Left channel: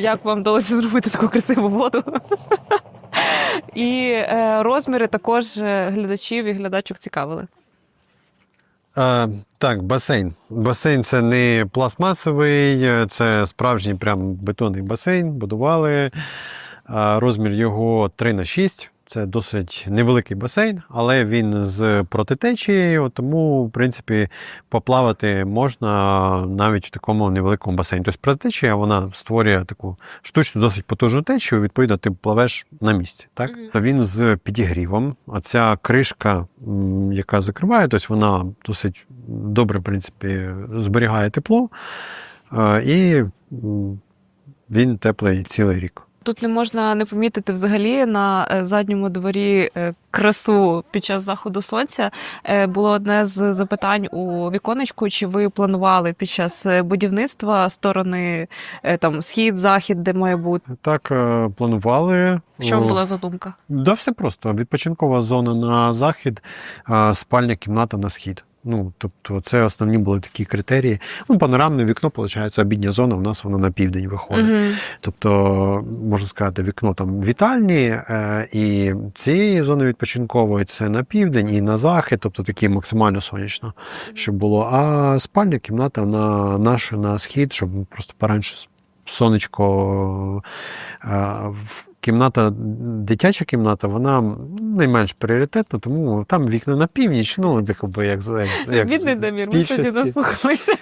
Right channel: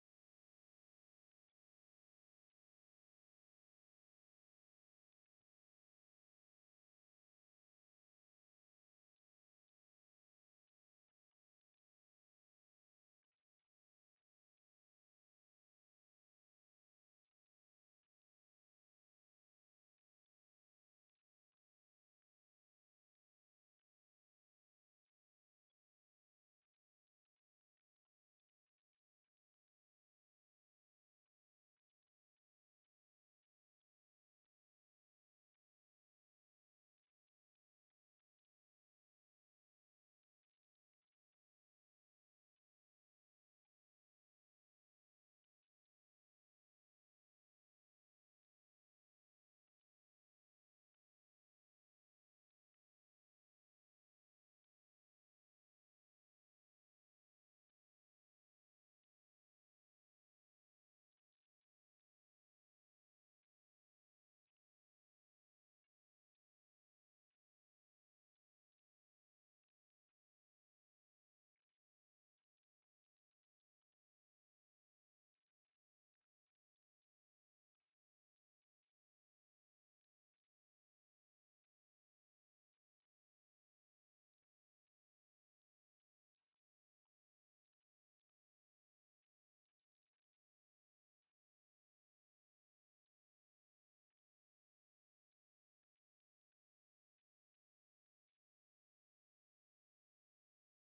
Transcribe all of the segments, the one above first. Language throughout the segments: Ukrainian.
як вам вдалося зробити таку красиву воду. І е, розміри також е, глядачів і глядачок цікавили. Е, так, басейн. Басейн це не пластмасовий, це справжній прям бетонний басейн. Будували. Е, розмір його 3 на 6. Це досить невеликий басейн, але він з протитечією, тому, в принципі, поплавати можна навіть в такому невеликому басейні. Тобто протитечія вона створює таку штучну, досить потужну течію, відповідно, ти пливеш на місці. Так? Мгм. Він з підігрівом. А ця кришка, яка закриває, тобто вона досить добре, в принципі, зберігає тепло, е, і він теплий цілий рік. Тут не можна не помітити взагалі на е, задньому дворі е, красу під час заходу сонця. Е, Було одне з запитань у віконечку, чи ви планували під час будівництва сторони там схід, захід, де має бути. Так, планували. Що О, була задумка? Да, все просто. Відпочинкова зона на захід, спальня кімната на схід. Ну, тобто, це основні були такі критерії. Ну, панорамне вікно, виходить, обідня зона, у нас воно на південь виходить. Угу. Тобто, можна сказати, вікно там вітальні, е, і цієї зони відпочинкової це на південь і на захід, тобто такі максимально сонячно, щоб було. А спальня кімната на наша на схід, щоб просто поранше сонечко. е, в- Кімната, дитяча кімната, вона найменш пріоритетна, тому там вікна на північ, ну, якби як, як, Бідний Дамір, ми сьогодні наслухалися.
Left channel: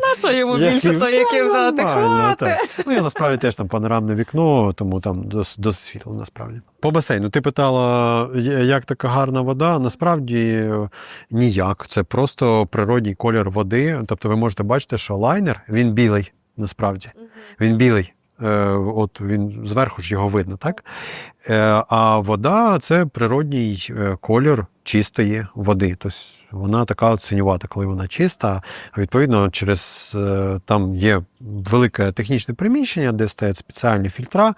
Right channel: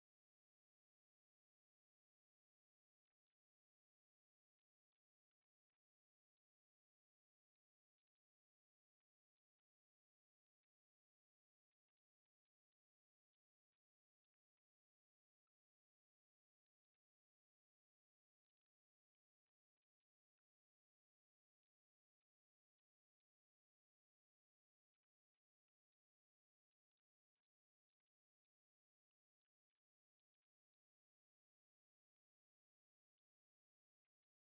На що йому більше тої кімнати? нормально, Хвати! Ну, я насправді теж там панорамне вікно, тому там досить, світло, насправді. По басейну. Ти питала, як така гарна вода? Насправді ніяк. Це просто природній колір води. Тобто ви можете бачити, що лайнер він білий, насправді. Він білий. Е, От він зверху ж його видно, так? Е, А вода це природній е, колір чистої води. Тобто вона така синювата, коли вона чиста. Відповідно, через там є велике технічне приміщення, де стоять спеціальні фільтра.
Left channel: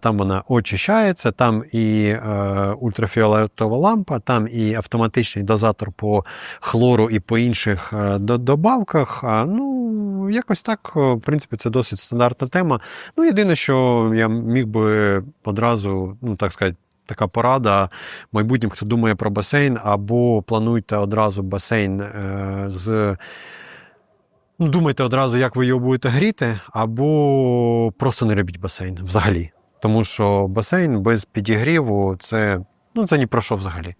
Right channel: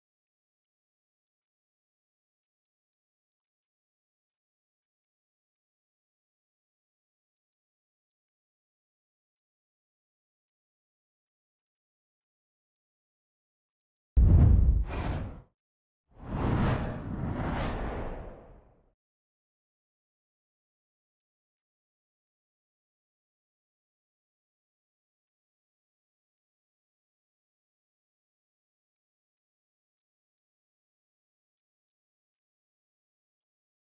Там вона очищається, там і е, ультрафіолетова лампа, там і автоматичний дозатор по хлору і по інших е, добавках. А, ну, якось так, е, в принципі, це досить стандартна тема. Ну, єдине, що я міг би одразу, ну так сказати, така порада майбутнім, хто думає про басейн, або плануйте одразу басейн е, з. Ну, думайте одразу, як ви його будете гріти, або просто не робіть басейн взагалі. Тому що басейн без підігріву це, ну, це ні про що взагалі.